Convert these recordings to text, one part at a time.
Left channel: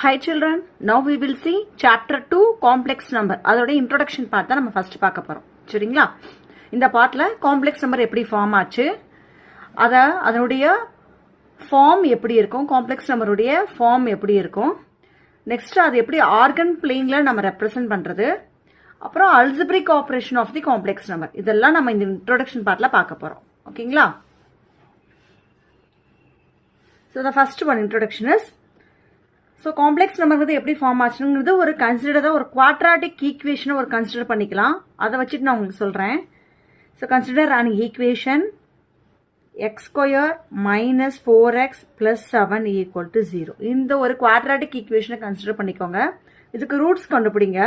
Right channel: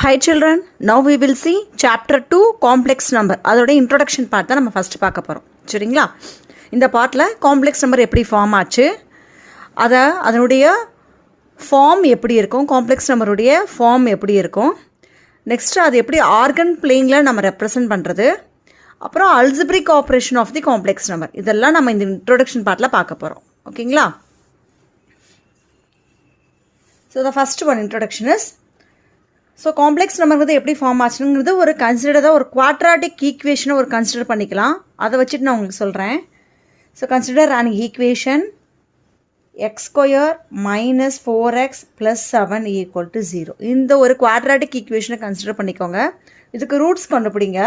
Hi children, now we will see chapter 2 complex number. அதோட introduction part தான் நம்ம first பார்க்க போகிறோம். சரிங்களா? இந்த பார்ட்டில் காம்ப்ளெக்ஸ் நம்பர் எப்படி ஃபார்ம் ஆச்சு, அதனுடைய ஃபார்ம் எப்படி இருக்கும், காம்ப்ளெக்ஸ் நம்பருடைய ஃபார்ம் எப்படி இருக்கும், நெக்ஸ்ட்டு அது எப்படி ஆர்கன் பிளேனில் நம்ம ரெப்ரசன்ட் பண்ணுறது, அப்புறம் algebraic operation of the complex number, இதெல்லாம் நம்ம இந்த இன்ட்ரோடக்ஷன் பார்ட்டில் பார்க்க போகிறோம். ஓகேங்களா? So the first one introduction is, so complex number எப்படி ஃபார்ம் ஆச்சுங்கிறது ஒரு கன்சிடர்டாக ஒரு குவாட்ராட்டிக் ஈக்குவேஷனை ஒரு கன்சிடர் பண்ணிக்கலாம். அதை வச்சுட்டு நான் உங்களுக்கு சொல்கிறேன். So consider an equation X square minus 4x + 7 = 0. இந்த ஒரு குவாட்ராட்டிக் ஈக்குவேஷனை கன்சிடர் பண்ணிக்கோங்க. இதுக்கு ரூட்ஸ் கண்டுபிடிங்க.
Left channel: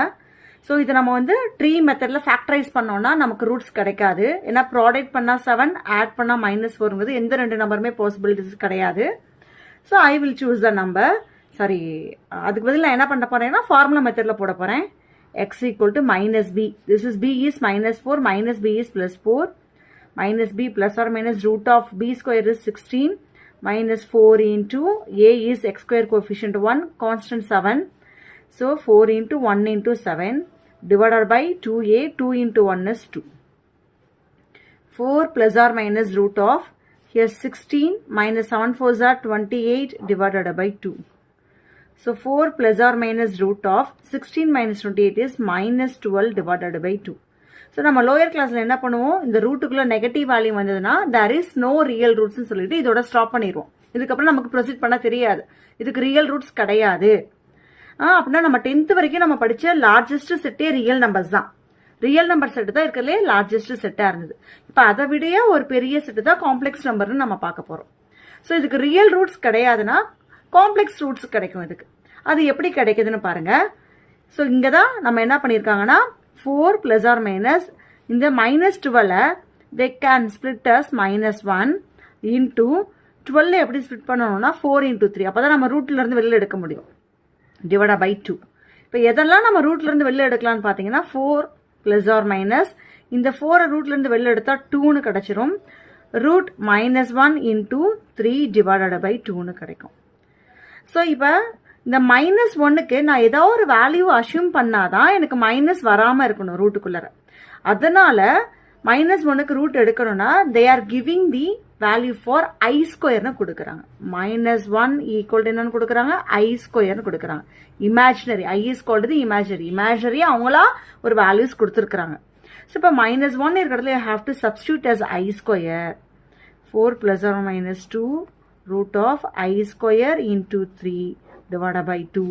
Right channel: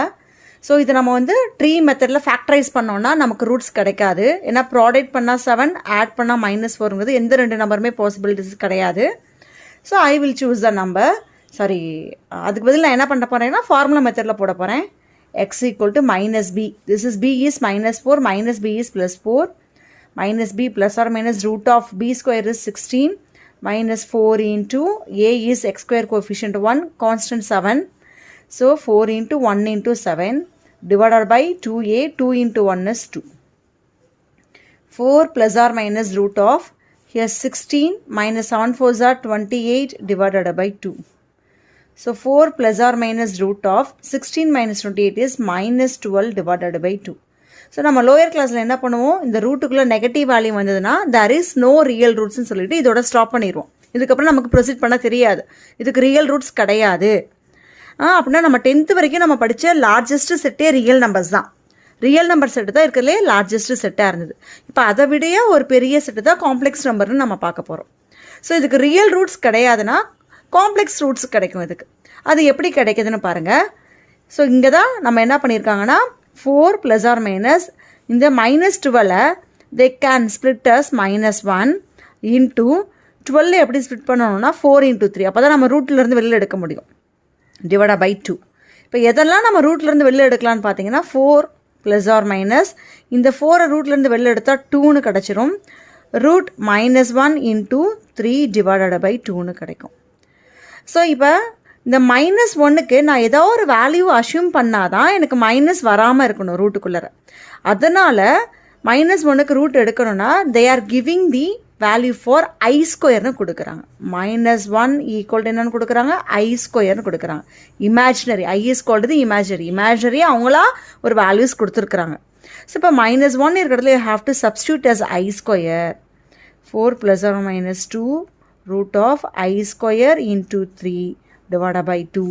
ஸோ இதை நம்ம ட்ரீ மெத்தடில் ஃபேக்டரைஸ் பண்ணோன்னா நமக்கு ரூட்ஸ் கிடைக்காது. ஏன்னா ப்ராடக்ட் பண்ணால் 7, ஆட் பண்ணால் -4ங்கிறது எந்த ரெண்டு நம்பருமே பாசிபிலிட்டிஸ் கிடையாது. So I will choose the number. அதுக்கு பதில் நான் என்ன பண்ண போகிறேன்னா ஃபார்முலா மெத்தடில் போட போகிறேன். x = -b. This is b is -4, -b is +4, -b ± (b² is 16, -4 into a is x² coefficient 1, constant 7. So 4 into 1 into 7 divided by 2a, 2 into 1 is 2. 4 ± here 16 minus 7 4s are 28 divided by 2. So 4 ± 16 minus 28 is -12 divided by 2. So நம்ம lower கிளாஸில் என்ன பண்ணுவோம், இந்த ரூட்டுக்குள்ளே negative value வந்ததுன்னா there is no real rootsன்னு சொல்லிட்டு இதோட stop பண்ணிடுவோம். இதுக்கப்புறம் நமக்கு ப்ரொசீட் பண்ண தெரியாது, இதுக்கு ரியல் ரூட்ஸ் கிடையாது. அப்படின்னா நம்ம 10th வரைக்கும் நம்ம படித்த லார்ஜஸ்ட் செட்டே ரியல் நம்பர்ஸ் தான். ரியல் நம்பர் செட்டு தான் இருக்கிறதுலே லார்ஜஸ்ட் செட்டாக இருந்தது. இப்போ அதை விடைய ஒரு பெரிய செட்டு தான் காம்ப்ளெக்ஸ் நம்பர்னு நம்ம பார்க்க போகிறோம். ஸோ இதுக்கு ரியல் ரூட்ஸ் கிடையாதுன்னா காம்ப்ளெக்ஸ் ரூட்ஸ் கிடைக்கும். இதுக்கு அது எப்படி கிடைக்குதுன்னு பாருங்கள். ஸோ இங்கே தான் நம்ம என்ன பண்ணியிருக்காங்கன்னா 4 ± இந்த -12 they can split as -1 into 12 எப்படி ஸ்பிளிட் பண்ணணும்னா 4 into 3. அப்போ தான் நம்ம ரூட்லேருந்து வெளியில் எடுக்க முடியும். Divide by 2. இப்போ எதெல்லாம் நம்ம ரூட்லேருந்து வெளியில் எடுக்கலான்னு பார்த்தீங்கன்னா 4 ± இந்த 4 ரூட்லேருந்து வெளியில் எடுத்தால் 2ன்னு கிடச்சிரும். ரூட் -1 into 3 divided by 2ன்னு கிடைக்கும். ஸோ இப்போ இந்த -1க்கு நான் ஏதோ ஒரு வேல்யூ அஷ்யூம் பண்ணாதான் எனக்கு மைனஸ் வராமல் இருக்கணும் ரூட்டுக்குள்ளே. அதனால் -1க்கு ரூட் எடுக்கணும்னா they are giving the value for i² கொடுக்குறாங்க. -1 = என்னன்னு கொடுக்குறாங்க, i² கொடுக்குறாங்க. இமேஜினரி i = இமேஜினரி அவங்களா ஒரு வேல்யூஸ் கொடுத்துருக்குறாங்க. ஸோ இப்போ -1 இருக்கிறதுல you have to substitute as i². 4 ± 2 √i² into 3 divided by 2.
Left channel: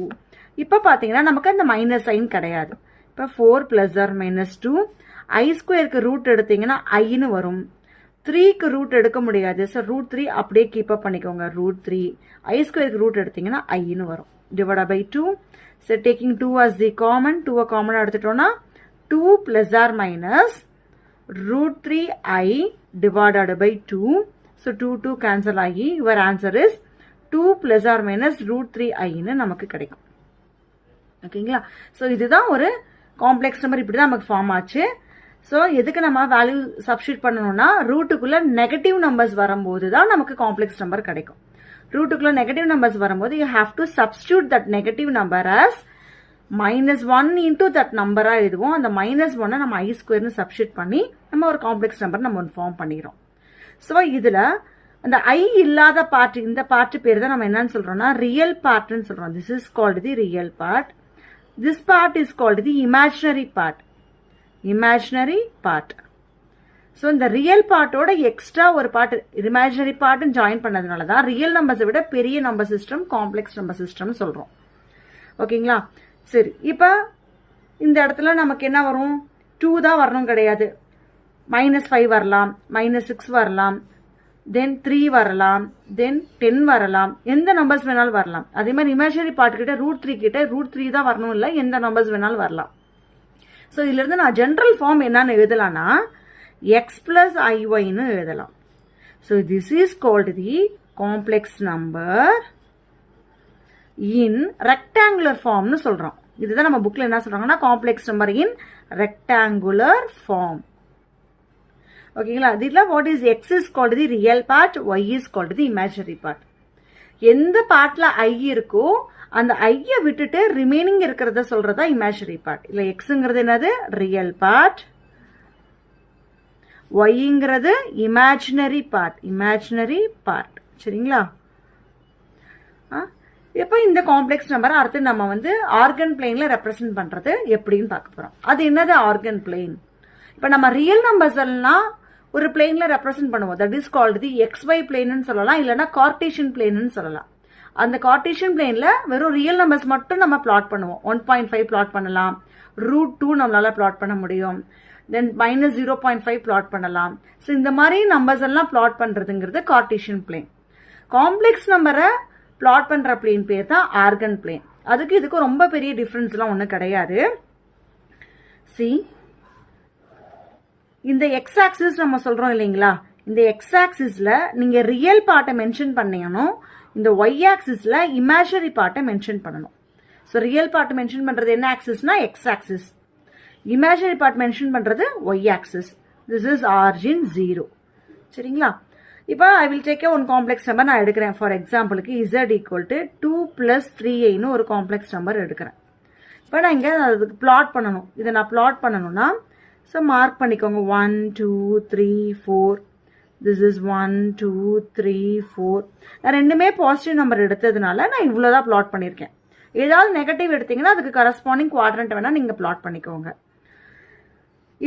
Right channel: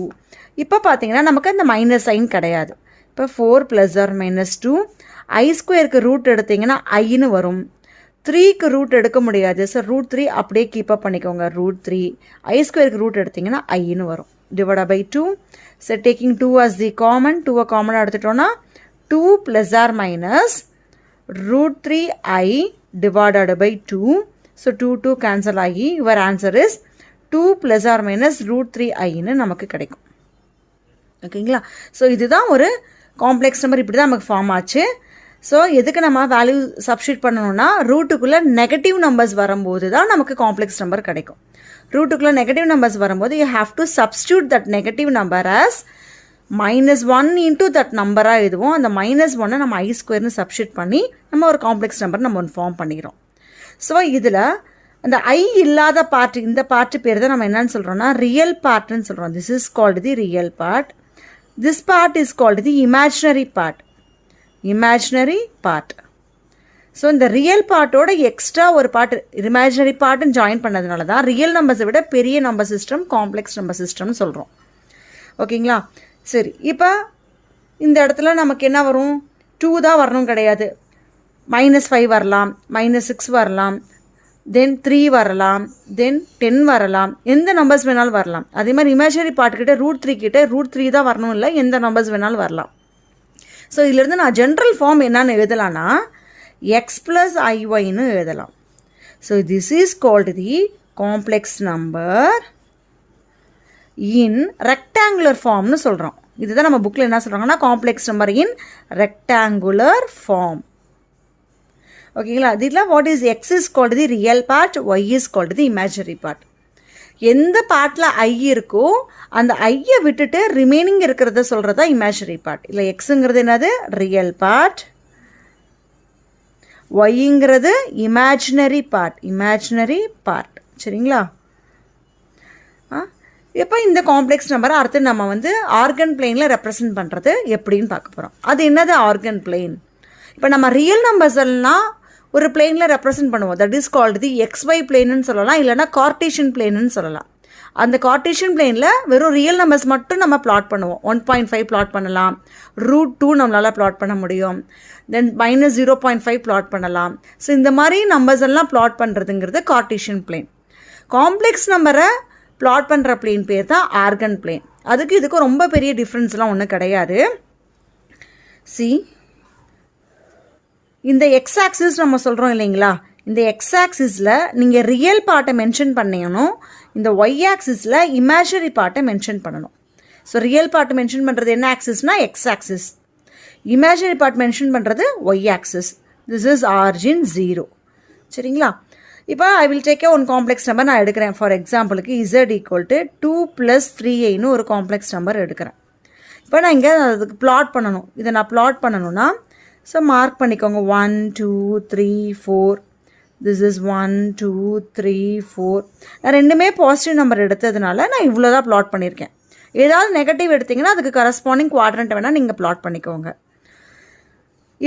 இப்போ பார்த்தீங்கன்னா நமக்கு அந்த மைனஸ் சைன் கிடையாது. இப்போ 4 ± 2 i² ரூட் எடுத்தீங்கன்னா ஐன்னு வரும். 3க்கு ரூட் எடுக்க முடியாது. ஸோ √3 அப்படியே கீப்பப் பண்ணிக்கோங்க. √3 i² ரூட் எடுத்தீங்கன்னா ஐன்னு வரும். Divide by 2. So taking 2 as the common, 2 காமனாக எடுத்துட்டோன்னா 2 ± √3i divided by 2. So 2 cancel ஆகி யுவர் ஆன்சர் இஸ் 2 ± √3iன்னு நமக்கு கிடைக்கும். ஓகேங்களா? ஸோ இதுதான் ஒரு காம்ப்ளெக்ஸ் நம்பர். இப்படி தான் நமக்கு ஃபார்ம் ஆச்சு. ஸோ எதுக்கு நம்ம வேல்யூ சப்ஸ்டியூட் பண்ணணும்னா ரூட்டுக்குள்ளே நெகட்டிவ் நம்பர்ஸ் வரும்போது தான் நமக்கு காம்ப்ளெக்ஸ் நம்பர் கிடைக்கும். ரூட்டுக்குள்ளே நெகட்டிவ் நம்பர்ஸ் வரும்போது you have to substitute that negative number as -1 into that நம்பராக எழுதுவோம். அந்த -1 நம்ம i² சப்ஸ்டியூட் பண்ணி நம்ம ஒரு காம்ப்ளெக்ஸ் நம்பர் நம்ம ஒன்று ஃபார்ம் பண்ணிக்கிறோம். ஸோ இதில் அந்த ஐ இல்லாத பார்ட், இந்த பார்ட்டு பேர் தான் நம்ம என்னன்னு சொல்கிறோம்னா ரியல் பார்ட்னு சொல்கிறோம். This is called the real part. This part is called the imaginary part. So இந்த ரியல் பார்ட்டோட எக்ஸ்ட்ரா ஒரு பார்ட் இமேஜினரி பார்ட்டுன்னு ஜாயின் பண்ணதுனால தான் ரியல் நம்பர்ஸை விட பெரிய நம்பர் சிஸ்டம் காம்ப்ளெக்ஸ் நம்பர் சிஸ்டம்னு சொல்கிறோம். ஓகேங்களா? சரி, இப்போ இந்த இடத்துல நமக்கு என்ன வரும், 2 தான் வரணும் கிடையாது. -5 வரலாம், -6 வரலாம், தென் 3 வரலாம், தென் 10 வரலாம், எந்த நம்பர்ஸ் வேணாலும் வரலாம். அதே மாதிரி இமேஜினரி பார்ட் கிட்ட √3 கிட்ட √3 தான் வரணும், இல்லை எந்த நம்பர்ஸ் வேணாலும் வரலாம். ஸோ இதிலிருந்து நான் ஜென்ரல் ஃபார்ம் என்னன்னு எழுதலாம்னா x + iy எழுதலாம். So this is called the complex number in rectangular ஃபார்ம்னு சொல்கிறோம். இதுதான் நம்ம புக்கில் என்ன சொல்கிறாங்கன்னா complex number in rectangular form. ஓகேங்களா? இதில் what is x is called the real part, y is called the imaginary part. எந்த பார்ட்டில் ஐ இருக்கோ அந்த ஐயை விட்டுட்டு ரிமைனிங் இருக்கிறத சொல்கிறதா இமேஜினரி பார்ட். இல்லை எக்ஸுங்கிறது என்னது ரியல் பார்ட், ஒய்ங்கிறது இமேஜினரி பார்ட். சரிங்களா? இப்போ இந்த காம்ப்ளெக்ஸ் நம்பரை அடுத்து நம்ம வந்து ஆர்கன் பிளேனில் ரெப்ரசன்ட் பண்ணுறது எப்படின்னு பார்க்க போகிறோம். அது என்னது ஆர்கன் பிளேன்? இப்போ நம்ம ரியல் நம்பர்ஸ் எல்லாம் ஒரு பிளேனில் ரெப்ரசன்ட் பண்ணுவோம். That is called the XY பிளேன்னு சொல்லலாம், இல்லைனா கார்டீஷியன் பிளேன்னு சொல்லலாம். அந்த கார்டீஷியன் பிளேனில் வெறும் ரியல் நம்பர்ஸ் மட்டும் நம்ம பிளாட் பண்ணுவோம். 1.5 பிளாட் பண்ணலாம், √2 நம்மளால் பிளாட் பண்ண முடியும், தென் -0.5 பிளாட் பண்ணலாம். ஸோ இந்த மாதிரி நம்பர்ஸ் எல்லாம் பிளாட் பண்ணுறதுங்கிறது கார்டீஷியன் பிளேன். காம்ப்ளெக்ஸ் நம்பரை பிளாட் பண்ணுற பிளேன் பேர் தான் ஆர்கன் பிளேன். அதுக்கு இதுக்கு ரொம்ப பெரிய டிஃப்ரென்ஸ்லாம் ஒன்றும் கிடையாது. இந்த எக்ஸ் ஆக்சிஸ் நம்ம சொல்கிறோம் இல்லைங்களா, இந்த எக்ஸ் ஆக்சிஸில் நீங்கள் ரியல் பார்ட்டை மென்ஷன் பண்ணணும், இந்த ஒய் ஆக்சிஸில் இமேஜினரி பார்ட்டை மென்ஷன் பண்ணணும். ஸோ ரியல் பார்ட் மென்ஷன் பண்ணுறது என்ன ஆக்சிஸ்னால் X axis, imaginary part mention பண்ணுறது Y axis. This is origin 0. சரிங்களா? இப்போ I will take one complex number நான் எடுக்கிறேன். ஃபார் எக்ஸாம்பிளுக்கு Z = 2 + 3i ஒரு காம்ப்ளெக்ஸ் நம்பர் எடுக்கிறேன். இப்போ நான் இங்கே அதுக்கு பிளாட் பண்ணணும். இதை நான் பிளாட் பண்ணணும்னா ஸோ மார்க் பண்ணிக்கோங்க. 1 2 3 4. This is 1 2 3 4. நான் ரெண்டுமே பாசிட்டிவ் நம்பர் எடுத்ததுனால நான் இவ்வளோ தான் பிளாட் பண்ணியிருக்கேன். ஏதாவது நெகட்டிவ் எடுத்திங்கன்னா அதுக்கு கரஸ்பாண்டிங் குவாட்ரண்ட் வேணால் நீங்கள் பிளாட் பண்ணிக்கோங்க.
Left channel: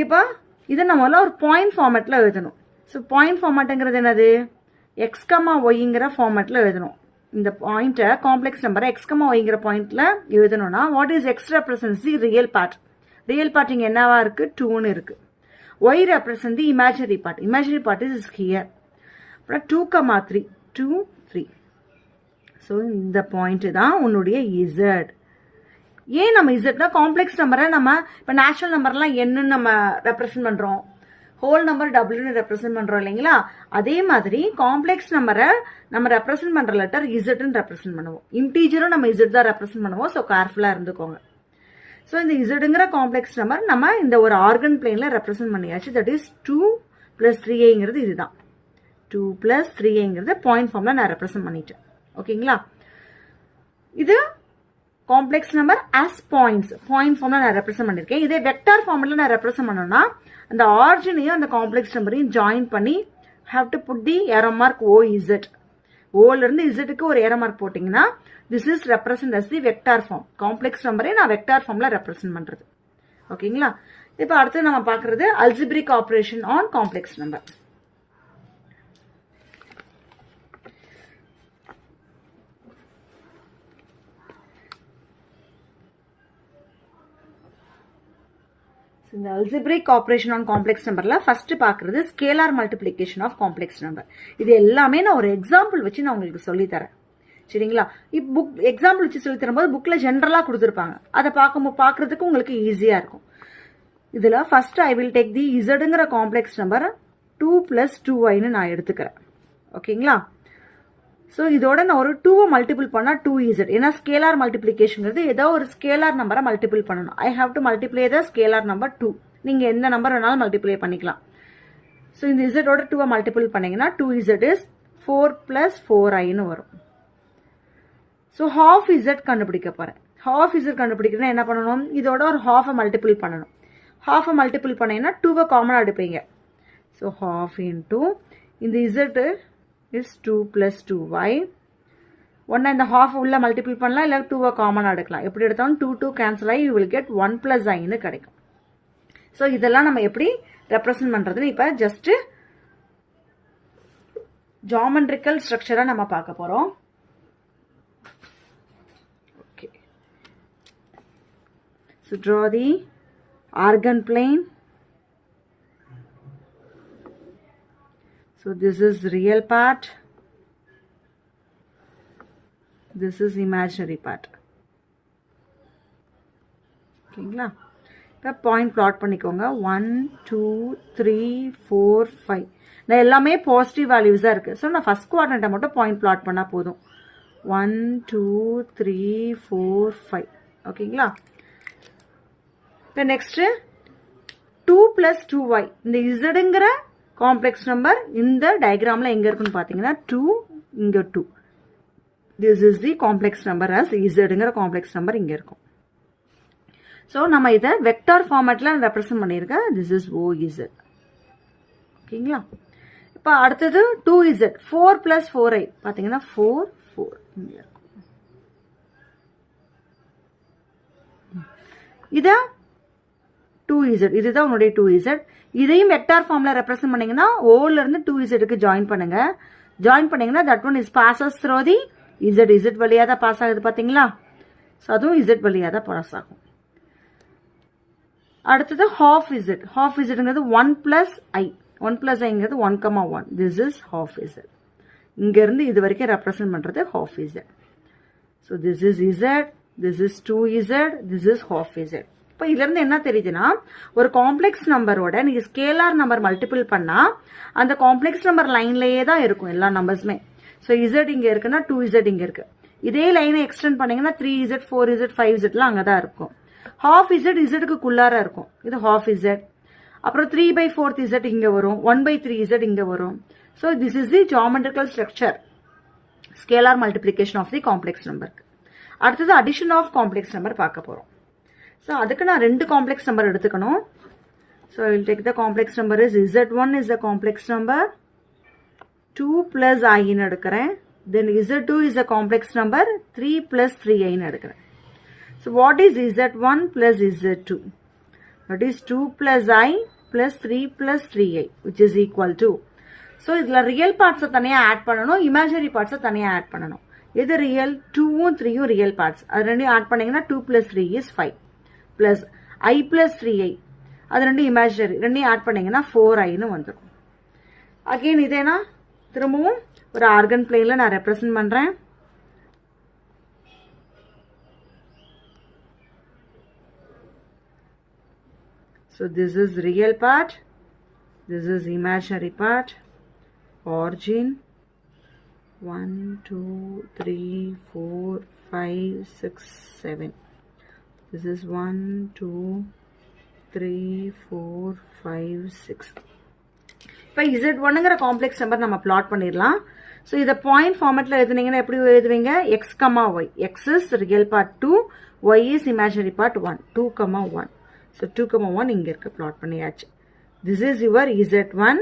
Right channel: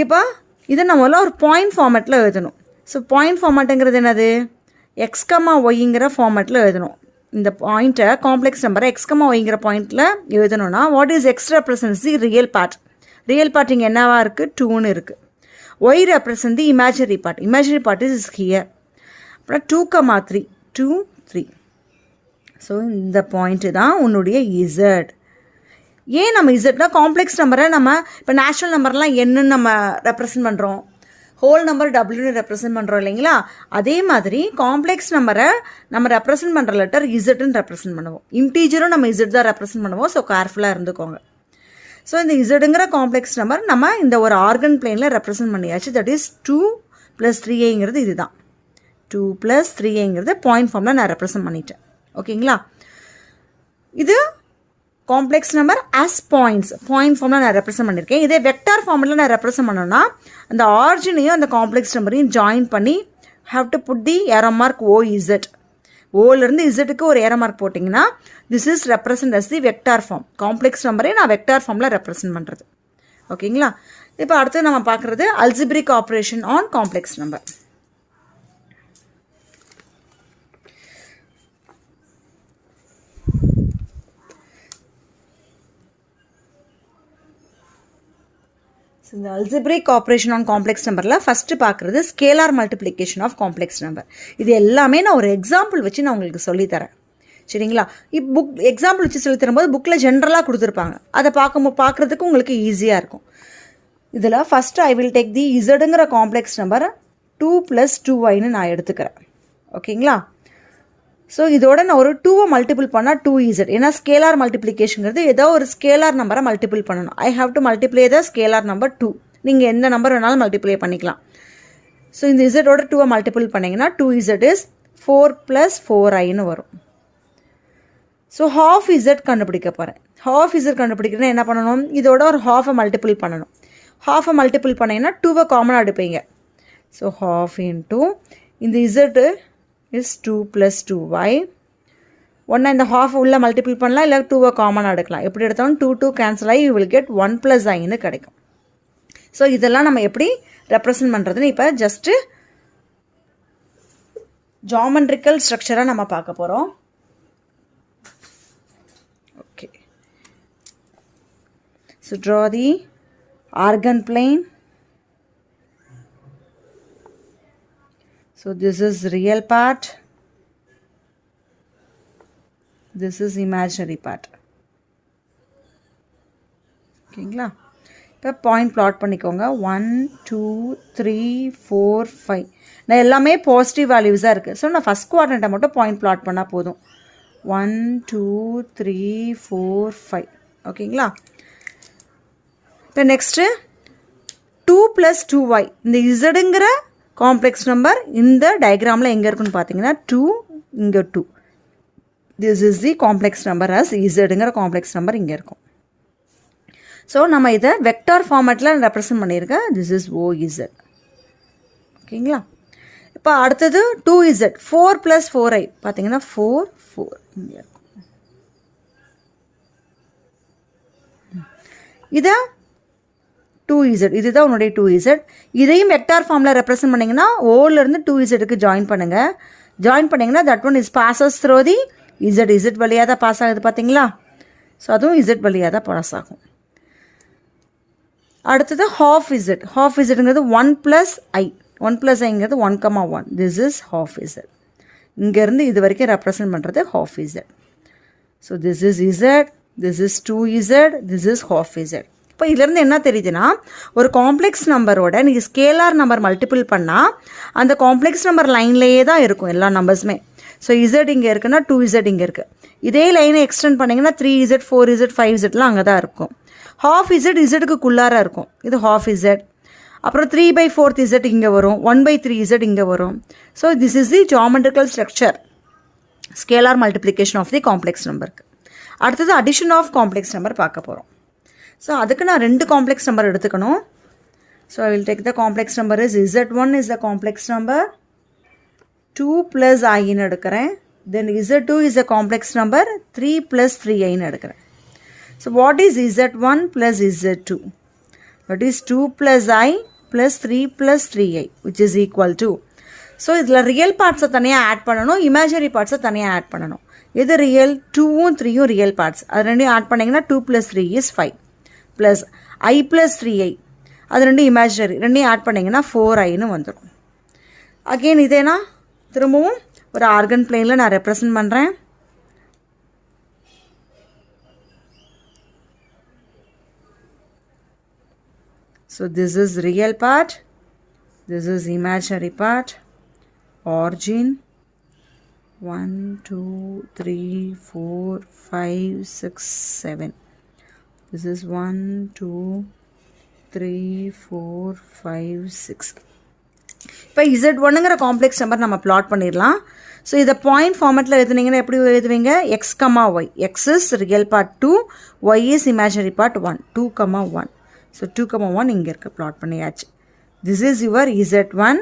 இப்போ இதை நம்மளால் ஒரு பாயிண்ட் ஃபார்மேட்டில் எழுதணும். ஸோ பாயிண்ட் ஃபார்மேட்டுங்கிறது என்னது? எக்ஸ் கமா ஒய்ங்கிற ஃபார்மேட்டில் எழுதணும். இந்த பாயிண்ட்டை காம்ப்ளெக்ஸ் நம்பரை எக்ஸ் கமா ஒய்ங்கிற பாயிண்ட்டில் எழுதணும்னா what is X represents the real part. Real part இங்கே என்னவா இருக்குது? 2ன்னு இருக்குது. Y represent the imaginary part is here. அப்புறம் 2, 2 3. ஸோ இந்த பாயிண்ட்டு தான் உன்னுடைய இசட். ஏன் நம்ம இசட்னா காம்ப்ளெக்ஸ் நம்பரை நம்ம இப்போ நேச்சுரல் நம்பர்லாம் என்னன்னு நம்ம ரெப்ரசன்ட் பண்ணுறோம், ஹோல் நம்பர் டபுள்யூன்னு ரெப்ரசன்ட் பண்ணுறோம் இல்லைங்களா? அதே மாதிரி காம்ப்ளெக்ஸ் நம்பரை நம்ம ரெப்ரசன்ட் பண்ணுற லெட்டர் இசட்னு ரெப்ரசன்ட் பண்ணுவோம். இன்டீஜரும் நம்ம இசட் தான் ரெப்ரசன்ட் பண்ணுவோம். ஸோ கேர்ஃபுல்லாக இருந்துக்கோங்க. ஸோ இந்த இசடுங்கிற காம்ப்ளெக்ஸ் நம்பர் நம்ம இந்த ஒரு ஆர்கன் பிளேனில் ரெப்ரசன்ட் பண்ணியாச்சு. தட் இஸ் 2 + 3iங்கிறது இதுதான். 2 + 3iங்கிறது பாயிண்ட் ஃபார்மில் நான் ரெப்ரசன்ட் பண்ணிட்டேன். ஓகேங்களா? இது காம்ப்ளெக்ஸ் நம்பர் ஆஸ் பாயிண்ட் ஃபார்மில் நான் ரெப்ரசன்ட் பண்ணியிருக்கேன். இதே வெக்டார் ஃபார்மில் நான் ரெப்ரசன்ட் பண்ணோன்னா அந்த ஆர்ஜினையும் அந்த காம்ப்ளெக்ஸ் நம்பரையும் ஜாயின் பண்ணி have to put the arrow mark OZ. ஓலேருந்து இசட்டுக்கு ஒரு ஏரோ மார்க் போட்டிங்கன்னா this is represent as the vector form. Complex நம்பரே நான் வெக்டார் ஃபார்மில் ரெப்ரசன்ட் பண்ணுறது. ஓகேங்களா? இப்போ அடுத்து நம்ம பார்க்குறது algebraic operation on complex number. இந்த அல்ஜிப்ரிக் ஆப்ரேஷன் ஆன் காம்ப்ளெக்ஸ் நம்பரில் ஃபஸ்ட்டு பார்க்குறது scalar multiplication of complex number. இது எல்லாமே நான் ஒரு எக்ஸாம்பிள் வச்சு நான் உங்களுக்கு சொல்லித்தரேன். சரிங்களா? எக்ஸாம்பிள் வச்சு சொல்லித்தரும்போது புக்கில் ஜென்ரலாக கொடுத்துருப்பாங்க. அதை பார்க்குறதுக்கு உங்களுக்கு ஈஸியாக இருக்கும். இதில் first I will take the இசடுங்கிற காம்ப்ளெக்ஸ் நம்பர் 2 + 2iன்னு நான் எடுத்துக்கிறேன். ஓகேங்களா? ஸோ இதோட நான் ஒரு 2வை மல்டிபிள் பண்ணால் 2z. ஏன்னா ஸ்கேலார் மல்டிப்ளிகேஷனுங்கிறது ஏதோ ஒரு ஸ்கேலார் நம்பரை மல்டிபிள் பண்ணணும். I have to multiply the scalar number 2. நீங்கள் எந்த நம்பர் வேணாலும் மல்டிப்ளை பண்ணிக்கலாம். ஸோ இந்த இசட்டோட 2வை மல்டிபிள் பண்ணிங்கன்னா 2z இஸ் 4 + 4iன்னு வரும். ஸோ ½ z கண்டுபிடிக்க போகிறேன். ½ z கண்டுபிடிக்கிறேன்னா என்ன பண்ணணும்? இதோட ஒரு ½ மல்டிபிள் பண்ணணும். ½ மல்டிபிள் பண்ணிங்கன்னா 2வை காமனாக எடுப்பீங்க. ஸோ ½ இன்ட்டு இந்த z இஸ் 2 + 2y. ஒன்றா இந்த ½ உள்ள மல்டிபிள் பண்ணலாம், இல்லை 2வை காமனாக எடுக்கலாம். எப்படி எடுத்தாலும் 2 கேன்சல் ஆகி யூ வில் கெட் 1 + iன்னு கிடைக்கும். ஸோ இதெல்லாம் நம்ம எப்படி ரெப்ரசன்ட் பண்ணுறதுன்னு இப்போ ஜஸ்ட்டு ஜாமெட்ரிக்கல் ஸ்ட்ரக்சராக நம்ம பார்க்க போகிறோம். Okay, so draw the organ plane. So this is real part, this is imaginary part. ஓகேங்களா? இப்போ பாயிண்ட் பிளாட் பண்ணிக்கோங்க. 1 2 3 4 5. நான் எல்லாமே பாசிட்டிவ் வேல்யூஸாக இருக்குது. ஸோ நான் ஃபஸ்ட் குவாட்ரண்ட்டை மட்டும் பாயிண்ட் பிளாட் பண்ணால் போதும். 1 2 3 4 5. ஓகேங்களா? இப்போ நெக்ஸ்ட்டு 2 + 2y. இந்த இசடுங்கிற காம்ப்ளெக்ஸ் நம்பர் இந்த டயக்ராமில் எங்கே இருக்குன்னு பார்த்தீங்கன்னா 2, இங்கே 2. This is the complex number as இசட்டுங்கிற காம்ப்ளெக்ஸ் நம்பர் இங்கே இருக்கும். ஸோ நம்ம இதை வெக்டார் ஃபார்மேட்டில் ரெப்ரசன்ட் பண்ணியிருக்கேன். This is OZ. ஓகேங்களா? இப்போ அடுத்தது 2z 4 + 4i பார்த்தீங்கன்னா 4 4 இங்கே இருக்கும். இதை 2z இதுதான் உன்னுடைய 2z. இதையும் வெக்டார் ஃபார்மில் ரெப்ரசன்ட் பண்ணிங்கன்னா ஓலேருந்து 2zக்கு ஜாயின் பண்ணுங்கள். ஜாயின் பண்ணிங்கன்னா that one is bosses throw the z வழியாக தான் பாஸ் ஆகுது பார்த்தீங்களா? ஸோ அதுவும் z வழியாக தான் பாஸ் ஆகும். அடுத்தது half z. half zங்கிறது 1 + i. 1 + iங்கிறது 1,1. This is half z. இங்கேருந்து இது வரைக்கும் ரெப்ரசன்ட் பண்ணுறது half z. So this is z, this is 2z, this is half z. இப்போ இதுலேருந்து என்ன தெரியுதுன்னா, ஒரு காம்ப்ளெக்ஸ் நம்பரோட நீங்கள் ஸ்கேலார் நம்பர் மல்டிபிள் பண்ணால் அந்த காம்ப்ளெக்ஸ் நம்பர் லைன்லேயே தான் இருக்கும் எல்லா நம்பர்ஸுமே. ஸோ z இங்கே இருக்குன்னா 2z இங்கே இருக்குது. இதே லைனை எக்ஸ்டெண்ட் பண்ணிங்கன்னா 3z 4z 5zலாம் அங்கே தான் இருக்கும். half z zக்கு குள்ளார இருக்கும். இது half z. அப்புறம் 3/4z இங்கே வரும், 1/3z இங்கே வரும். So this is the geometrical structure scalar multiplication of the complex நம்பருக்கு. அடுத்தது அடிஷன் ஆஃப் காம்ப்ளெக்ஸ் நம்பர் பார்க்க போகிறோம். ஸோ அதுக்கு நான் 2 காம்ப்ளெக்ஸ் நம்பர் எடுத்துக்கணும். So I will take the complex number is z1 is the complex number 2 + iன்னு எடுக்கிறேன். தென் z2 is the complex number 3 + 3iன்னு எடுக்கிறேன். So what is z1 + z2? That is 2 + i + 3 + 3i which is equal to. So இதில் real பார்ட்ஸை தனியாக add பண்ணணும், imaginary பார்ட்ஸை தனியாக add பண்ணணும். இது real, 2ம் 3ம் real parts. அது ரெண்டையும் ஆட் பண்ணிங்கன்னா 2 + 3 is 5 + i + 3i. அது ரெண்டும் இமேஜினரி, ரெண்டையும் ஆட் பண்ணிங்கன்னா 4iன்னு வந்துடும். அகெயின் இதேனா திரும்பவும் ஒரு ஆர்கன் பிளேனில் நான் ரெப்ரசன்ட் பண்ணுறேன். So this is real part, this is imaginary part, origin 1 2 3 4 5 6 7. This is 1 2 3 4 5 6. இப்போ z1ங்கிற காம்ப்ளெக்ஸ் நம்பர் நம்ம பிளாட் பண்ணிடலாம். ஸோ இதை பாயிண்ட் ஃபார்மேட்டில் எழுதுனீங்கன்னா எப்படி எழுதுவீங்க? x, y. x is real part 2, y is imaginary part 1, 2, 1. So 2,1 இங்கே இருக்குது, ப்ளாட் பண்ணியாச்சு. This is your z1.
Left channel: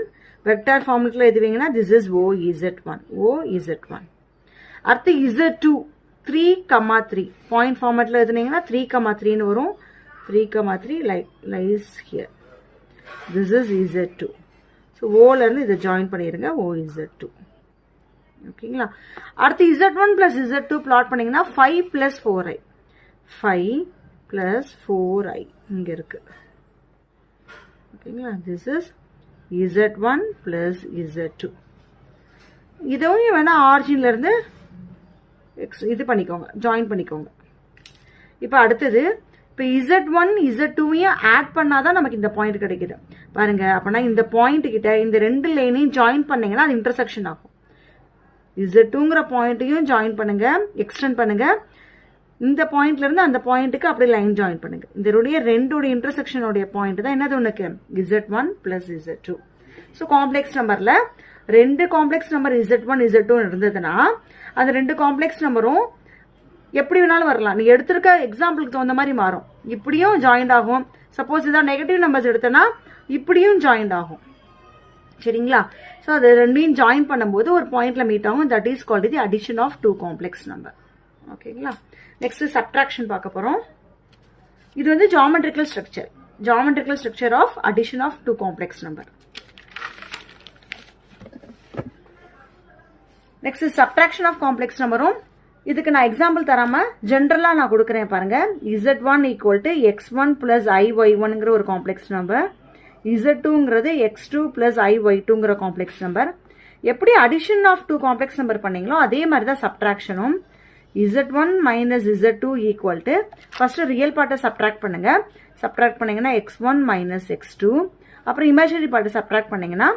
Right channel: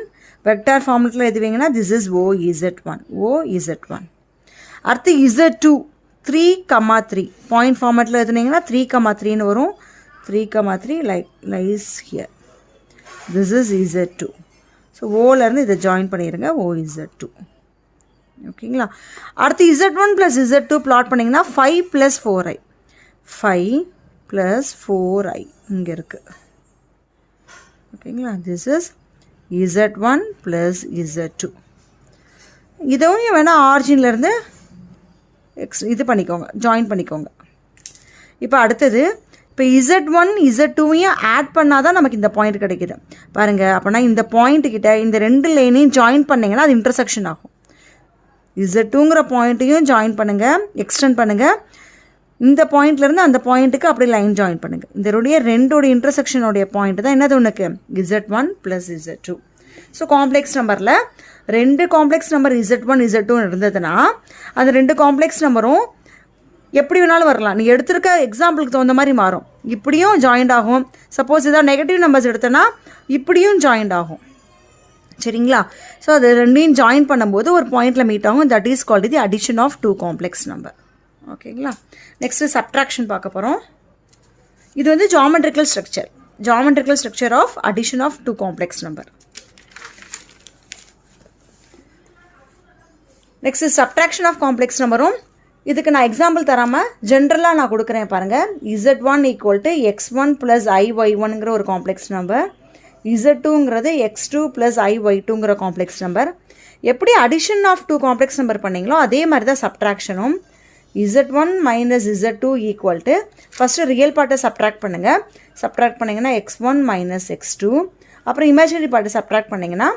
Vector ஃபார்மேட்டில் எழுதுவீங்கன்னா திஸ் இஸ் OZ1. OZ1. அடுத்து z2 3,3 பாயிண்ட் ஃபார்மேட்டில் எழுதுனீங்கன்னா 3,3ன்னு வரும். 3,3 lies here. This is z2. So ஓலேருந்து இதை ஜாயின் பண்ணிடுங்க, OZ2. ஓகேங்களா? அடுத்து z1 + z2 பிளாட் பண்ணிங்கன்னா 5 + 4i. 5 + 4i இங்கே இருக்குது. ஓகேங்களா? This is z1 + z2. இதுவும் வேணால் ஆரிஜின்லேருந்து இது பண்ணிக்கோங்க, ஜாயின் பண்ணிக்கோங்க. இப்போ அடுத்தது, இப்போ z1 z2வையும் ஆட் பண்ணால் தான் நமக்கு இந்த பாயிண்ட் கிடைக்கிது பாருங்கள். அப்படின்னா இந்த பாயிண்ட்டுக்கிட்ட இந்த 2 லைனையும் ஜாயின் பண்ணிங்கன்னா அது இன்டர்செக்ஷன் ஆகும். z2ங்கிற பாயிண்ட்டையும் ஜாயின் பண்ணுங்கள், எக்ஸ்டெண்ட் பண்ணுங்கள். இந்த பாயிண்ட்லேருந்து அந்த பாயிண்ட்டுக்கு அப்படி லைன் ஜாயின் பண்ணுங்கள். இதனுடைய ரெண்டோடைய இன்டர்செக்ஷனுடைய பாயிண்ட் தான் என்னது உனக்கு? z1 + z2. ஸோ காம்ப்ளெக்ஸ் நம்பரில் 2 காம்ப்ளெக்ஸ் நம்பர் z1 z2 இருந்ததுன்னா அந்த 2 காம்ப்ளெக்ஸ் நம்பரும் எப்படி வேணாலும் வரலாம். நீங்கள் எடுத்திருக்க எக்ஸாம்பிளுக்கு தகுந்த மாதிரி மாறும். இப்படியும் ஜாயிண்ட் ஆகும். சப்போஸ் ஏதாவது நெகட்டிவ் நம்பர்ஸ் எடுத்தோன்னா இப்படியும் ஜாயிண்ட் ஆகும். சரிங்களா? ஸோ அதை ரெண்டையும் ஜாயின் பண்ணும்போது ஒரு பாயிண்டில் மீட் ஆகும். That is called the addition of 2 complex number. ஓகேங்களா? நெக்ஸ்ட் சப்ட்ராக்ஷன் பார்க்க போகிறோம். இது வந்து geometrical structure of addition of 2 complex number. Next subtraction of complex நம்பரும் இதுக்கு நான் எக்ஸாம்பிள் தராமல் ஜென்ரலாக நான் கொடுக்குறேன் பாருங்கள். z1 = x1 + iy1ங்கிற ஒரு காம்ப்ளெக்ஸ் நம்பர், z2ங்கிறது x2 + iy2ங்கிற காம்ப்ளெக்ஸ் நம்பர். எப்படி அடிஷன் ஆஃப் 2 காம்ப்ளெக்ஸ் நம்பர் பண்ணீங்களோ அதே மாதிரி தான் சப்ட்ராக்ஷனும். z1 - z2 = ஃபஸ்ட்டு ரியல் பார்ட்டை சப்ட்ராக்ட் பண்ணுங்கள். சப்ட்ராக்ட் பண்ணிங்கன்னா x1 - x2. அப்புறம் இமேஜினரி பார்ட்டை சப்ட்ராக்ட் பண்ணிங்கன்னா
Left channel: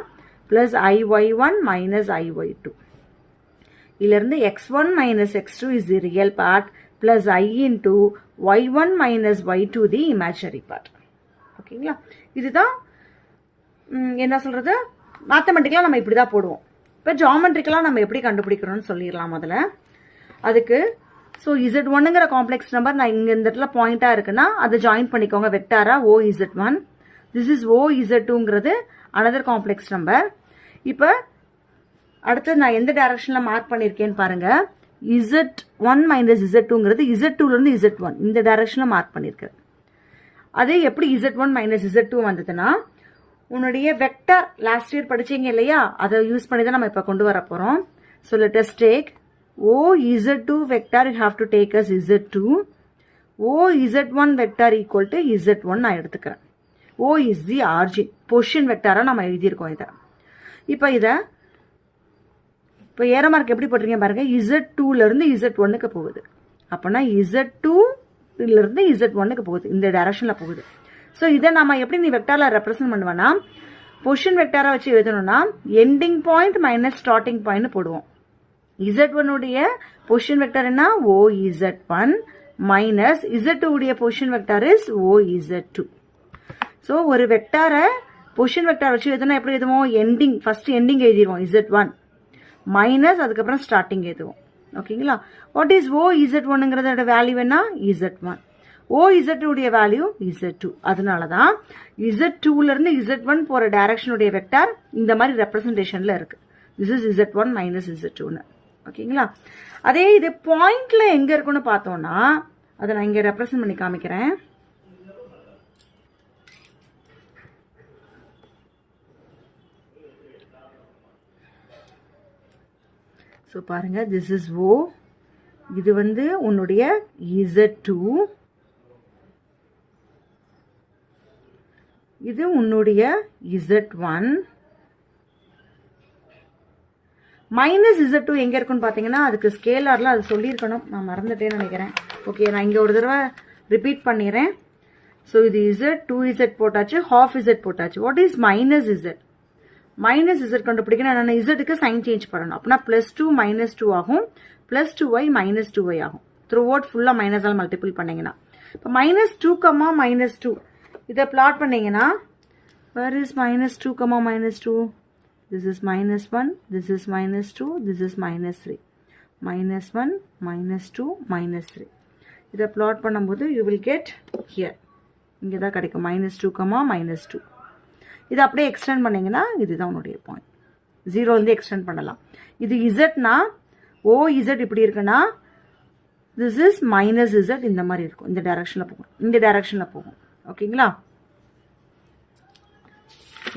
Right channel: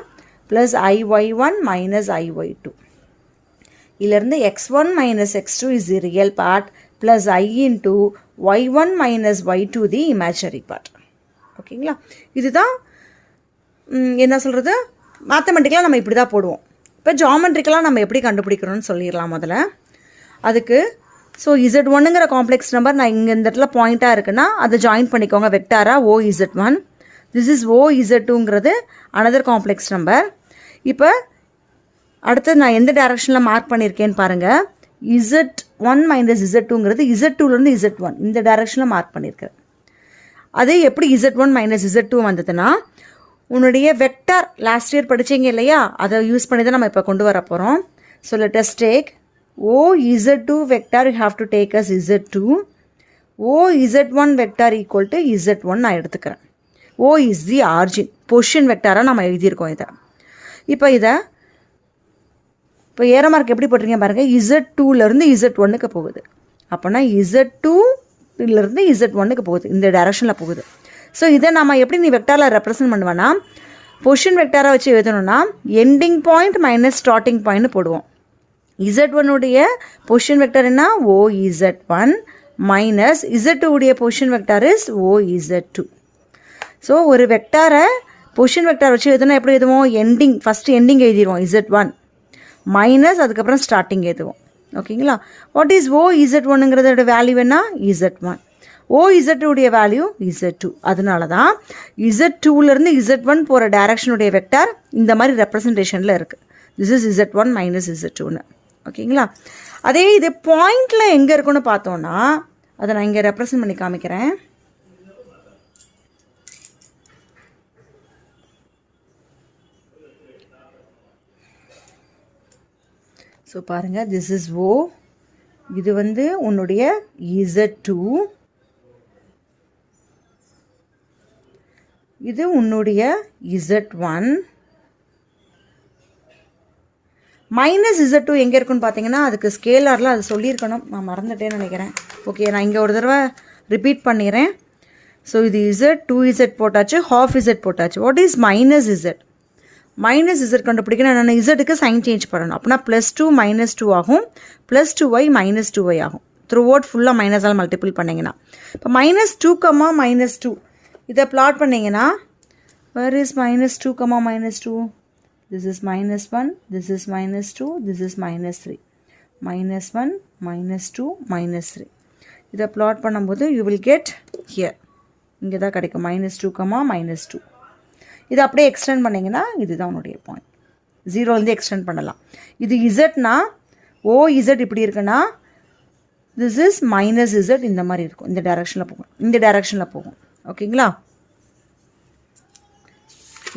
+iy1 - iy2. இதிலிருந்து x1 - x2 is the real part plus I into y1 - y2 the imaginary part. ஓகேங்களா? இதுதான் என்ன சொல்கிறது, மேத்தமெட்டிக்கலாக நம்ம இப்படி தான் போடுவோம். இப்போ ஜியாமெட்ரிக்கலாக நம்ம எப்படி கண்டுபிடிக்கிறோம்னு சொல்லிடலாம் முதல்ல. அதுக்கு ஸோ Z1ங்கிற காம்ப்ளெக்ஸ் நம்பர் நான் இங்கே இந்த இடத்துல பாயிண்ட்டாக இருக்குன்னா அதை ஜாயின் பண்ணிக்கோங்க வெக்டாராக OZ1. திஸ் இஸ் OZ2ங்கிறது அனதர் காம்ப்ளெக்ஸ் நம்பர். இப்போ அடுத்து நான் எந்த டைரக்ஷனில் மார்க் பண்ணியிருக்கேன்னு பாருங்கள். Z1 மைனஸ் Z2ங்கிறது Z2லேருந்து Z1 இந்த டைரக்ஷனில் மார்க் பண்ணியிருக்கேன். அதே எப்படி Z1 மைனஸ் Z2 வந்ததுன்னா உன்னுடைய வெக்டார் லாஸ்ட் இயர் படித்தீங்க இல்லையா, அதை யூஸ் பண்ணி தான் நம்ம இப்போ கொண்டு வர போகிறோம். So let us take OZ2 vector you have to take as Z2. OZ1 vector equal to Z1 நான் எடுத்துக்கிறேன். O is the origin. Position வெக்டாராக நம்ம எழுதியிருக்கோம் இதை. இப்போ ஏற மார்க் எப்படி போட்டிருக்கீங்க பாருங்கள். Z2லேருந்து Z1க்கு போகுது. அப்போனா Z2லேருந்து Z1க்கு போகுது, இந்த டைரக்ஷனில் போகுது. ஸோ இதை நம்ம எப்படி நீ வெக்டாரில் ரெப்ரசன்ட் பண்ணுவேன்னா பொசிஷன் வெக்டாரை வச்சு எழுதணும்னா ending point minus starting point போடுவோம். Z1உடைய பொசிஷன் வெக்டார் என்ன OZ1 மைனஸ் Z2உடைய position vector is OZ2. So ஒரு வெக்டாரை பொசிஷன் வெக்டார் வச்சு எழுதணும். எப்படி எழுதுவோம்? எண்டிங், ஃபஸ்ட்டு எண்டிங் எழுதிடுவோம் Z1 மைனஸ் அதுக்கப்புறம் ஸ்டார்டிங் எழுதுவோம். ஓகேங்களா? வாட் இஸ் OZ1ங்கிறதோட வேல்யூ என்ன? Z1. OZ2உடைய வேல்யூ Z2. அதனால தான் Z2லேருந்து Z1 போகிற டைரக்ஷனுடைய வெக்டார் இந்த மாதிரி ரெப்ரசன்டேஷனில் இருக்குது. திஸ் இஸ் Z1 மைனஸ் Z2ன்னு. ஓகேங்களா? அதே இது பாயிண்டில் எங்கே இருக்குன்னு பார்த்தோன்னா அதை நான் இங்கே ரெப்ரசன்ட் பண்ணி காமிக்கிறேன். ஸோ பாருங்கள், திஸ் இஸ் O. இது வந்து உன்னுடைய Z2, இது உன்னுடைய Z1 மைனஸ் Z2 எங்கே இருக்குன்னு பார்த்தீங்கன்னா அதுக்கு ஸ்கேலாரில் அது சொல்லியிருக்கணும், நான் மறந்துட்டேன்னு நினைக்கிறேன். ஓகே, நான் இங்கே ஒரு தடவை ரிப்பீட் பண்ணிடுறேன். ஸோ இது Z, 2Z போட்டாச்சு, half Z போட்டாச்சு. What is minus Z? Minus Z கண்டுபிடிக்கணும். நான் Zக்கு சைன் சேஞ்ச் பண்ணணும். அப்படின்னா +2 -2 ஆகும், +2y -2y ஆகும். த்ரூ அவுட் ஃபுல்லாக மைனஸால் மல்டிபிள் பண்ணிங்கன்னா இப்போ -2, -2 இதை பிளாட் பண்ணிங்கன்னா where is -2, -2? This is -1, this is -2, this is -3. -1, -2, -3. இதை பிளாட் பண்ணும்போது you will get here. இங்கே தான் கிடைக்கும் -2, -2. இதை அப்படியே எக்ஸ்டெண்ட் பண்ணிங்கன்னா இதுதான் உன்னுடைய பாயிண்ட். 0லேருந்து எக்ஸ்டெண்ட் பண்ணலாம். இது இசட்னா OZ இப்படி இருக்குன்னா this is -Z இந்த மாதிரி இருக்கும். இந்த டைரக்ஷனில் போகும். ஓகேங்களா?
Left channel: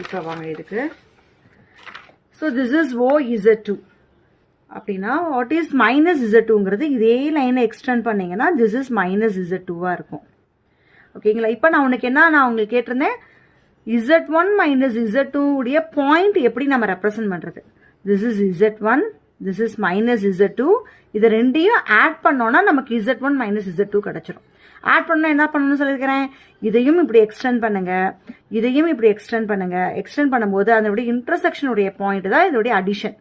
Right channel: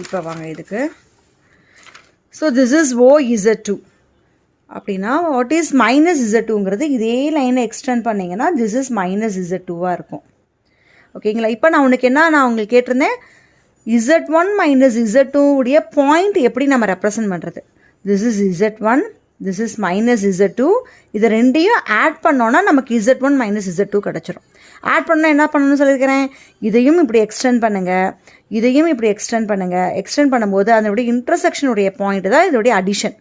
இப்போ வாங்க இதுக்கு. ஸோ திஸ் இஸ் OZ2 அப்படின்னா வாட் இஸ் -Z2ங்கிறது இதே லைனை எக்ஸ்டெண்ட் பண்ணிங்கன்னா திஸ் இஸ் -Z2வாக இருக்கும். ஓகேங்களா? இப்போ நான் உங்களுக்கு கேட்டிருந்தேன் Z1 மைனஸ் Z2 உடைய பாயிண்ட் எப்படி நம்ம ரெப்ரசன்ட் பண்ணுறது. This is Z1, this is -Z2. இதை ரெண்டையும் ஆட் பண்ணோன்னா நமக்கு Z1 மைனஸ் Z2 கிடச்சிரும். ஆட் பண்ணால் என்ன பண்ணணும்னு சொல்லியிருக்கிறேன், இதையும் இப்படி எக்ஸ்டெண்ட் பண்ணுங்கள், இதையும் இப்படி எக்ஸ்டெண்ட் பண்ணுங்கள். எக்ஸ்டெண்ட் பண்ணும்போது அதனுடைய இன்டர்செக்ஷனுடைய பாயிண்ட் தான் இதோடைய அடிஷன்.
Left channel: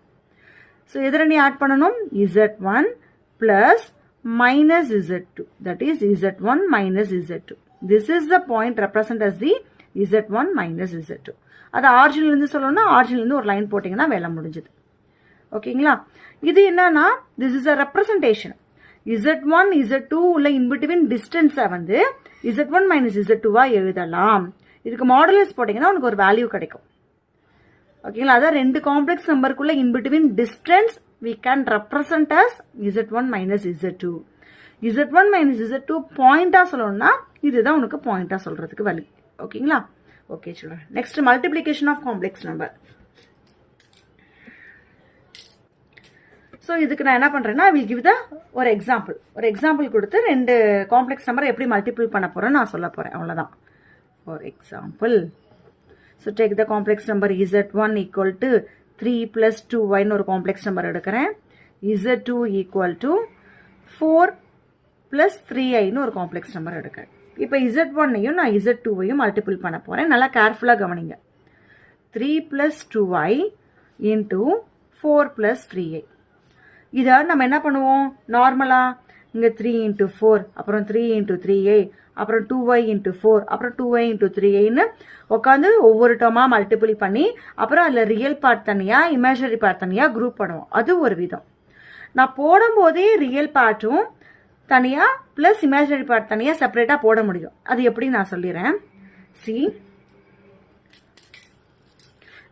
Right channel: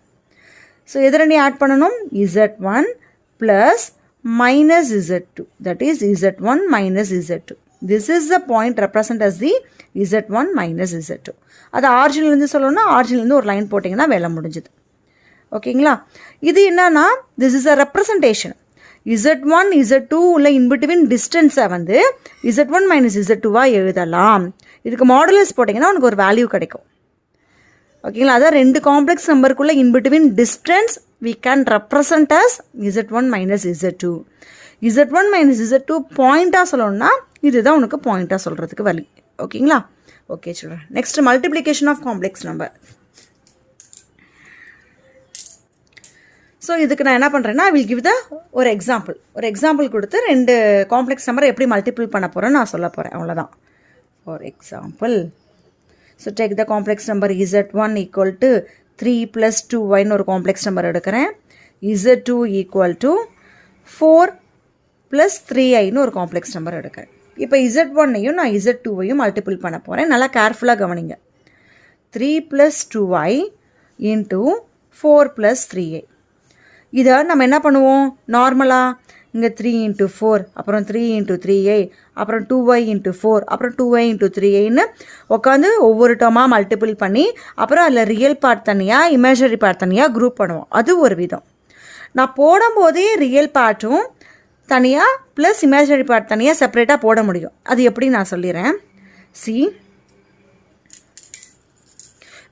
ஸோ எது ரெண்டையும் ஆட் பண்ணணும்? Z1 plus -Z2, that is Z1 minus Z2. This is the point represent as the Z1 minus Z2. அது ஆரிஜின்லேருந்து சொல்லணும்னா ஆரிஜின்லேருந்து ஒரு லைன் போட்டிங்கன்னா வேலை முடிஞ்சுது. ஓகேங்களா? இது என்னன்னா this is a representation. Z1 Z2 உள்ள இன்பிட்வீன் டிஸ்டன்ஸை வந்து Z1 மைனஸ் Z2வாக எழுதலாம். இதுக்கு மாடுலஸ் போட்டிங்கன்னா உனக்கு ஒரு வேல்யூ கிடைக்கும். ஓகேங்களா? அதான் ரெண்டு காம்ப்ளெக்ஸ் நம்பருக்குள்ள in between distance we can represent as Z1 minus Z2. Z1 minus Z2 பாயிண்ட்டாக சொல்லணும்னா இதுதான் உனக்கு பாயிண்ட்டாக சொல்கிறதுக்கு வழி. ஓகேங்களா? Okay children. Next multiplication of complex number. So இதுக்கு நான் என்ன பண்ணுறேன்னா வில் கிவ் த ஒரு எக்ஸாம்பிள் கொடுத்து ரெண்டு காம்ப்ளெக்ஸ் நம்பரை எப்படி மல்டிபிள் பண்ண போகிறோன்னு நான் சொல்ல போகிறேன். அவ்வளோதான். For example, so take the complex number Z1 equal to 3 + 2yன்னு ஒரு காம்ப்ளெக்ஸ் நம்பர் எடுக்கிறேன். Z2 ஈக்குவல் டு 4 + 3iன்னு ஒரு காம்ப்ளெக்ஸ் நம்பர் எடுக்கிறேன். இப்போ Z1ஐயும் நான் Z2ஐயும் மல்டிபிள் பண்ண போகிறேன். நல்லா கேர்ஃபுல்லாக கவனிங்க. 3 + 2y இன்ட்டு 4 + 3i. இதை நம்ம என்ன பண்ணுவோம்? நார்மலாக இங்கே 3 × 4, அப்புறம் 3 × 3i, அப்புறம் 2y × 4, அப்புறம் 2y × 3iன்னு உட்காந்து ஒவ்வொரு டேர்மாக மல்டிபிள் பண்ணி அப்புறம் அதில் ரியல் பார்ட் தனியாக இமேஜினரி பார்ட் தனியாக குரூப் பண்ணுவோம். அது ஒரு விதம். நான் போடும்போதே ரியல் பார்ட்டும் தனியாக ப்ளஸ் இமேஜினரி பார்ட் தனியாக செப்பரேட்டாக போட முடியும். அது எப்படி நான் சொல்லிடுறேன். See,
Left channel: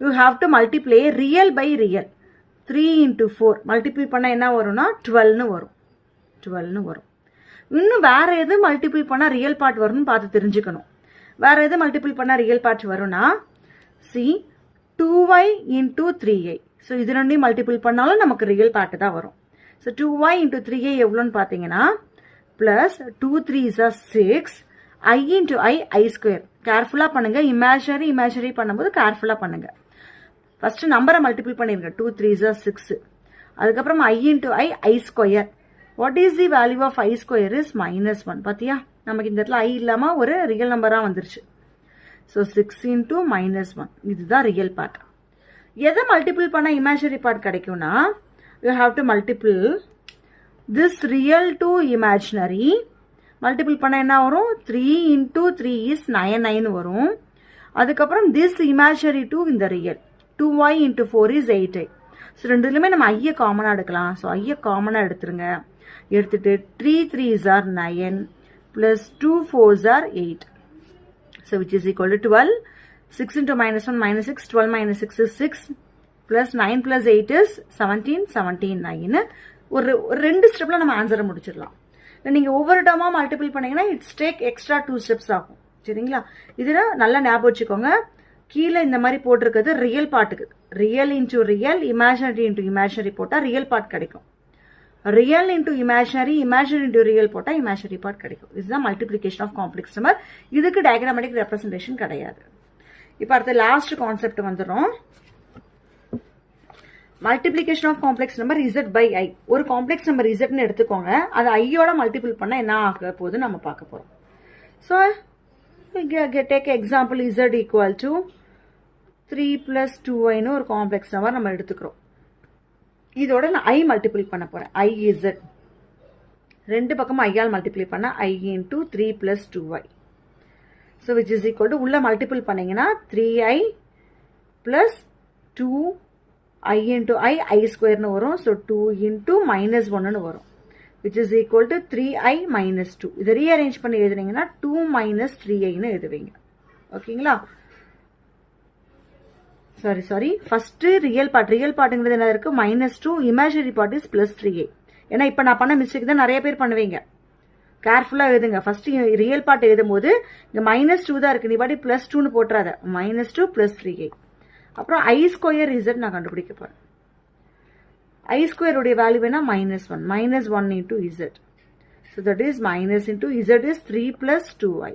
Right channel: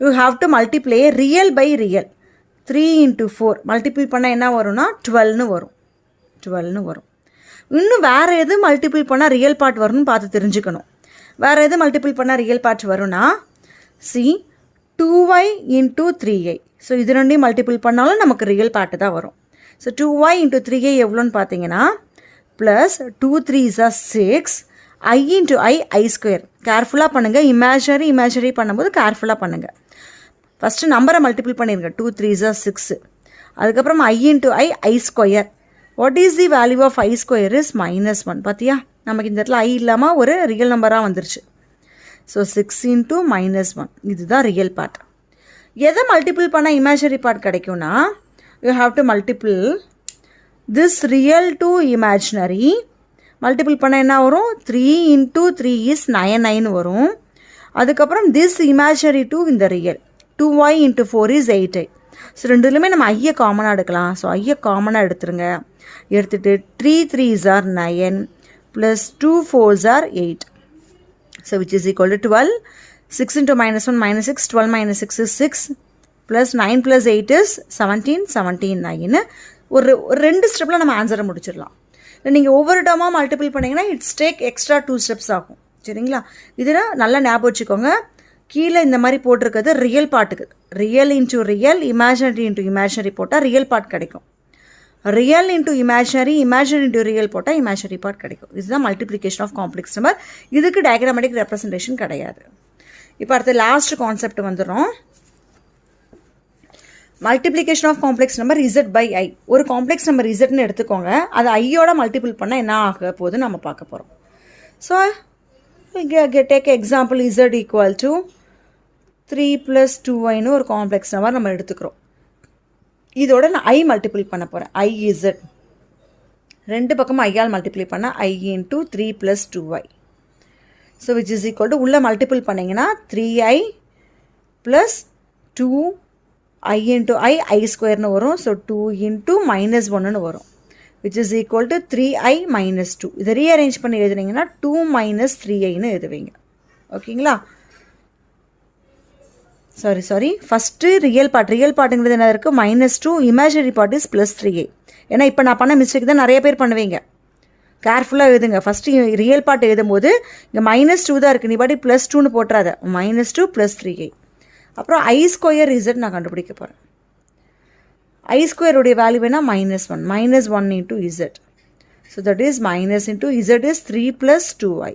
you have to multiply real by real. 3 into 4 multiple பண்ணால் என்ன வரும்னா 12ன்னு வரும். இன்னும் வேறு எது மல்டிபிள் பண்ணால் ரியல் பார்ட் வரும்னு பார்த்து தெரிஞ்சுக்கணும். வேறு எது மல்டிபிள் பண்ணால் ரியல் பார்ட் வரும்னா C 2y into 3y. So இது ரெண்டையும் மல்டிபிள் பண்ணாலும் நமக்கு ரியல் பார்ட்டு தான் வரும். ஸோ 2y into 3y எவ்வளோன்னு பார்த்தீங்கன்னா plus 2 3s are 6 I into I square. கேர்ஃபுல்லாக பண்ணுங்கள். இமேஜினரி பண்ணும்போது கேர்ஃபுல்லாக பண்ணுங்கள். ஃபஸ்ட்டு நம்பரை மல்டிபிள் பண்ணிடுங்க. 2 3s are 6. அதுக்கப்புறம் I into I square. What is the value of I square is -1. பார்த்தியா, நமக்கு இந்த இடத்துல I இல்லாமல் ஒரு ரியல் நம்பராக வந்துருச்சு. ஸோ 6 into -1 இதுதான் ரியல் பார்ட். எதை மல்டிபிள் பண்ணால் இமேஜினரி பார்ட் கிடைக்கும்னா you have to multiple this real to imaginary. Multiple பண்ணால் என்ன வரும்? 3 into 3 is 9 வரும். அதுக்கப்புறம் திஸ் இமேஜினரி டு இந்த real 2y into 4 is 8i. ஸோ ரெண்டுலையுமே நம்ம ஐயை காமனாக எடுக்கலாம். ஸோ ஐயை காமனாக எடுத்துருங்க. எடுத்துகிட்டு 3 3s are 9 plus 2 4s are 8. So which is equal to 12. 6 into -1 -6. 12 minus 6 is 6. Plus 9 plus 8 is 17. 17 9. ஒரு 2 ஸ்டெப்பில் நம்ம ஆன்சரை முடிச்சிடலாம். இல்லை நீங்கள் ஒவ்வொரு டேர்மாக மல்டிபிள் பண்ணிங்கன்னா இட்ஸ் டேக் எக்ஸ்ட்ரா 2 ஸ்டெப்ஸ் ஆகும். சரிங்களா? இதில் நல்லா ஞாபகம் வச்சுக்கோங்க. கீழே இந்த மாதிரி போட்டிருக்கிறது ரியல் பார்ட்டுக்கு. Real into real, imaginary into imaginary போட்டால் ரியல் பார்ட் கிடைக்கும். Real into imaginary into real போட்டால் இமேஜினரி பார்ட் கிடைக்கும். இதுதான் மல்டிப்ளிகேஷன் ஆஃப் காம்ப்ளெக்ஸ் நம்பர். இதுக்கு டயக்ராமேட்டிக் ரெப்ரசன்டேஷன் கிடையாது. இப்போ அடுத்த லாஸ்ட் கான்செப்ட் வந்துடும். Multiplication of complex number Z by I. ஒரு காம்ப்ளெக்ஸ் நம்பர் இசட்னு எடுத்துக்கோங்க. அது ஐயோட மல்டிபிள் பண்ணால் என்ன ஆக போகுதுன்னு நம்ம பார்க்க போகிறோம். So take example Z equal to 3 + 2y ஒரு காம்ப்ளெக்ஸ் நம்பர் நம்ம எடுத்துக்கிறோம். இதோட நான் ஐ மல்டிபிள் பண்ண போகிறேன். ஐ இசட் ரெண்டு பக்கமும் ஐயால் மல்டிப்ளை பண்ணால் ஐ into 3 + 2y. So which is equal to உள்ளே மல்டிபிள் பண்ணிங்கன்னா 3i + 2i into I ஸ்கொயர்னு வரும். ஸோ 2 into -1ன்னு வரும். Which is equal to 3i - 2. இதை ரீஅரேஞ்ச் பண்ணி எழுதுனீங்கன்னா 2 - 3iன்னு எழுதுவீங்க. ஓகேங்களா? சாரி ஃபஸ்ட்டு ரியல் பார்ட்டுங்கிறது என்ன இருக்குது? -2. Imaginary part is +3i. ஏன்னா இப்போ நான் பண்ண மிஸ்டேக் தான் நிறைய பேர் பண்ணுவீங்க. கேர்ஃபுல்லாக எழுதுங்க. ஃபஸ்ட்டு ரியல் பார்ட் எழுதும் போது இங்கே -2 தான் இருக்குது. நீ பாட்டி +2ன்னு போட்டுறாத. -2 + 3i. அப்புறம் I ஸ்கொயர் இசட் நான் கண்டுபிடிக்க போகிறேன். I ஸ்கொயருடைய வேல்யூ வேணால் -1 -1 into z. So that is minus into z is 3 + 2y.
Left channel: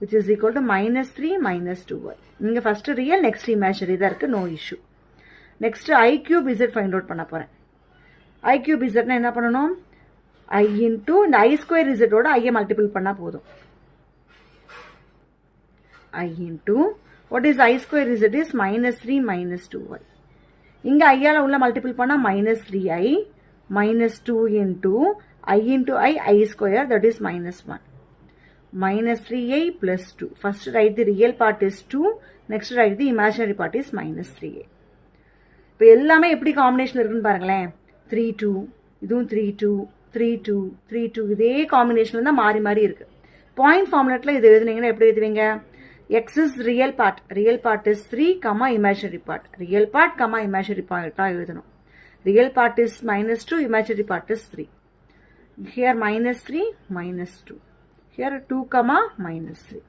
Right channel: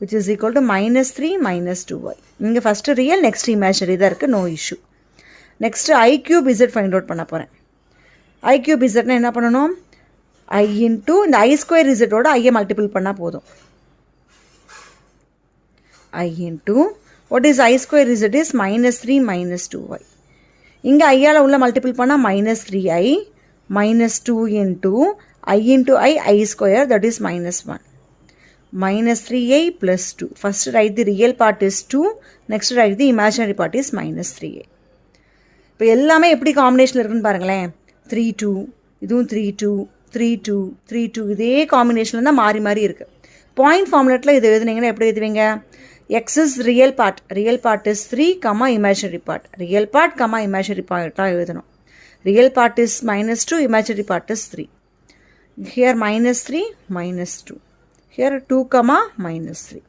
which is equal to -3 - 2y. இங்கே ஃபஸ்ட்டு ரியல், நெக்ஸ்ட் இமேஜினரி தான் இருக்குது. No issue. Next I cube z find out பண்ண போகிறேன். I cube zனா என்ன பண்ணணும்? I into இந்த I square zோட Aiyai multiple பண்ணால் போதும். I into what is I square z is -3 - 2y. இங்கே ஐயால் உள்ள மல்டிபிள் பண்ணால் -3i -2 into I square that is -1. -3i + 2. First write the real part is 2. Next write the imaginary part is -3i. இப்போ எல்லாமே எப்படி combination இருக்குன்னு பாருங்களேன். 3 2, இதுவும் 3 2 3 2 3 2 இதே காம்பினேஷனில் தான் மாறி மாறி இருக்குது. பாயிண்ட் ஃபார்முலேட்டில் இது எழுதுனீங்கன்னா எப்படி எழுதுவீங்க? x is real part is 3, imaginary part. real part, imaginary part எழுதணும். real part is -2, imaginary part is 3. here -3 -2. here 2, -3.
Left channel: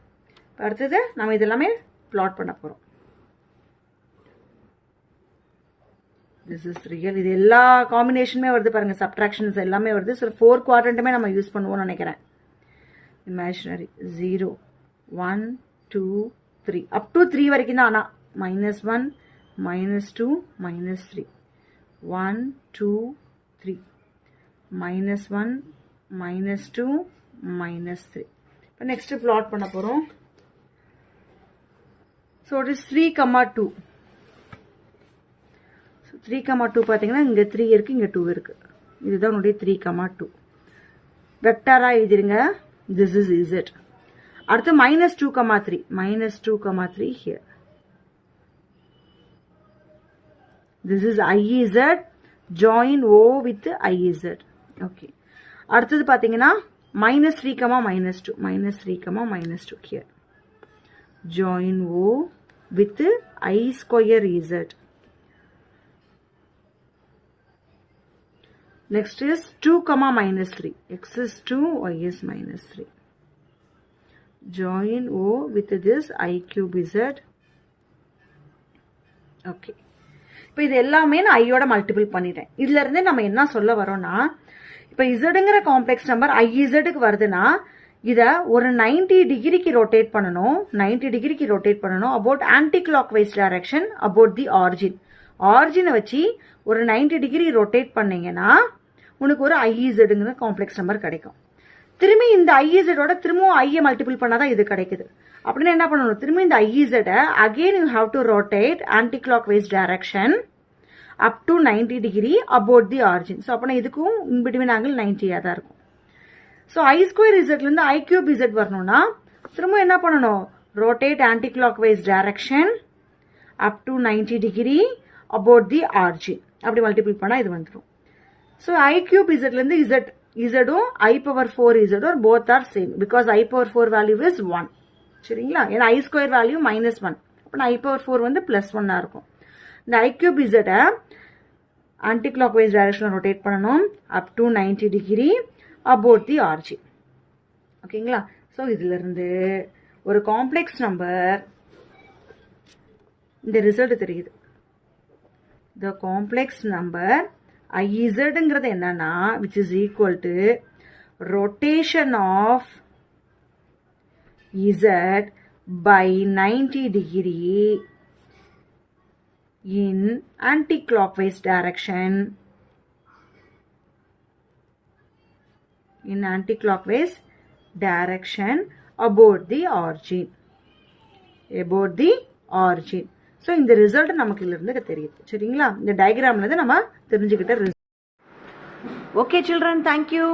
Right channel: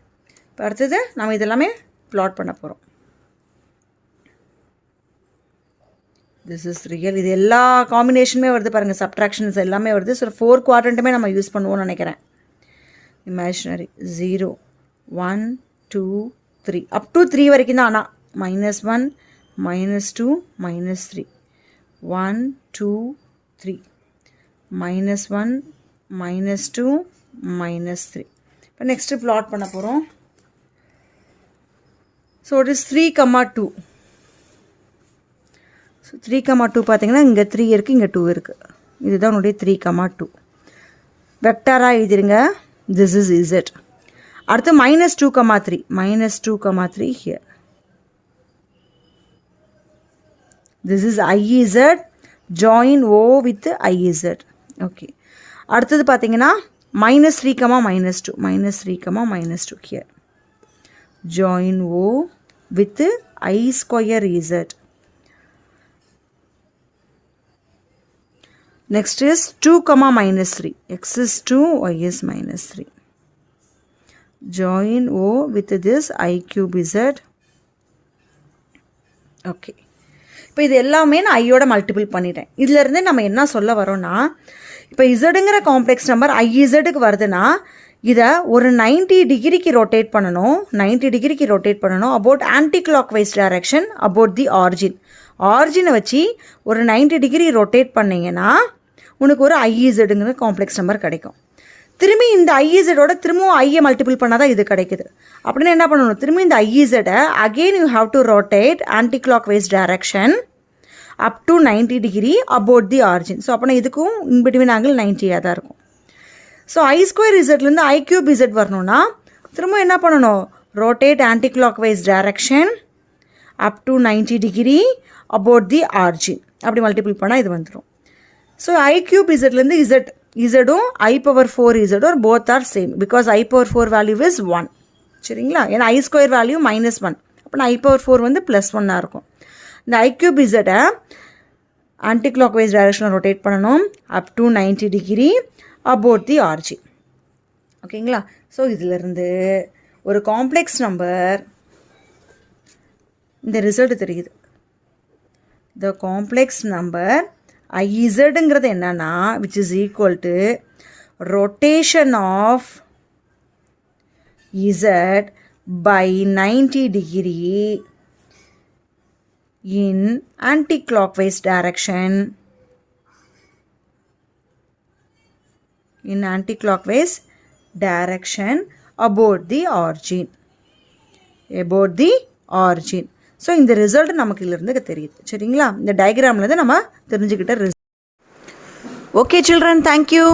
இப்போ அடுத்தது நம்ம இதெல்லாமே plot பண்ண போகிறோம். this is real. இது எல்லா காம்பினேஷனுமே வருது பாருங்கள். சப்ட்ராக்ஷன்ஸ் எல்லாமே வருது. ஸோ 4 குவாட்ரண்ட்டுமே நம்ம யூஸ் பண்ணுவோம்னு நினைக்கிறேன். imaginary 0 1 2 3 up to 3 வரைக்கும் தான். ஆனால் -1 -2 -3 1 2 3 -1 -2 -3. இப்போ நெக்ஸ்ட்டு ப்ளாட் பண்ண போகிறோம். So it is 3, 2. ஸோ 3, 2 பார்த்தீங்கன்னா இங்கே 3 இருக்குது, இங்கே 2 இருக்குது. இதுதான் உன்னுடைய 3, 2. வெக்டாராக எழுதிருங்க. This is Z. அடுத்து -2, 3 -2, 3 here. This is IZ. join O with IZ. Okay. அடுத்தது பார்த்தீங்கன்னா -3, -2. -3, -2 here. Join O with I square Z. Next is 2, -3. X is 2, Y is -3. Join O with this I cube Z. Okay. இப்போ இது எல்லாமே நான் ஐயோட multiple பண்ணிட்டேன். இதிலிருந்து நம்ம என்ன சொல்ல வரோம்னா, இப்போ இசடுங்கிற காம்ப்ளெக்ஸ் நம்பர் ஐஇசடுக்கு வருதுன்னா இதை ஒரு 90 டிகிரிக்கு ரொட்டேட் பண்ணணும். 90 டிகிரிக்கு ரொட்டேட் பண்ணணும் about anticlockwise direction about the origin. ஆரிஜினை வச்சு ஒரு 90 டிகிரி ரொட்டேட் பண்ணிங்கன்னா உனக்கு ஒரு ஐஇசடுங்கிற காம்ப்ளெக்ஸ் நம்பர் கிடைக்கும். திரும்பி இந்த ஐஇசடோட திரும்பவும் ஐயை மல்டிபிள் பண்ணால் தான் இது கிடைக்குது. அப்படின்னு என்ன பண்ணணும், திரும்பி இந்த ஐஇசடை again you have to rotate anticlockwise direction up to 90 degree about the origin. So அப்போனா இதுக்கும் இன்பிட்வீன் ஆங்கிள் 90 தான் இருக்கும். ஸோ ஐ ஸ்கொயர் இசட்லேருந்து ஐ கியூப் இசட் வரணும்னா திரும்ப என்ன பண்ணணும், rotate anticlockwise direction up to 90 degree about the origin. அப்படி மல்டிபிள் பண்ணால் இது வந்துடும். ஸோ ஐ கியூப் இசட்லேருந்து இசடும் ஐ பவர் 4 இசடும் both are same because I power 4 value is 1. சரிங்களா, ஏன்னா ஐ ஸ்கொயர் வேல்யூ -1. அப்போ ஐ பவர் 4 வந்து +1 இருக்கும். இந்த ஐ கியூப் இசட்டை ஆன்டி கிளாக் வைஸ் டைரக்ஷனில் ரொட்டேட் பண்ணணும் அப் to 90 degree about the origin. ஓகேங்களா, ஸோ இதிலிருந்து ஒரு காம்ப்ளெக்ஸ் நம்பர் இந்த ரிசல்ட் தெரியுது. த காம்ப்ளெக்ஸ் நம்பர் ஐஇசடுங்கிறது என்னன்னா which is equal to rotation of z by 90 degree in anti-clockwise direction about the origin. So இந்த ரிசல்ட் நமக்கு இதிலிருந்து தெரியுது. சரிங்களா, இந்த டயக்ராமில் தான் நம்ம தெரிஞ்சுக்கிட்ட ரிசல்ட். Okay children, thank you.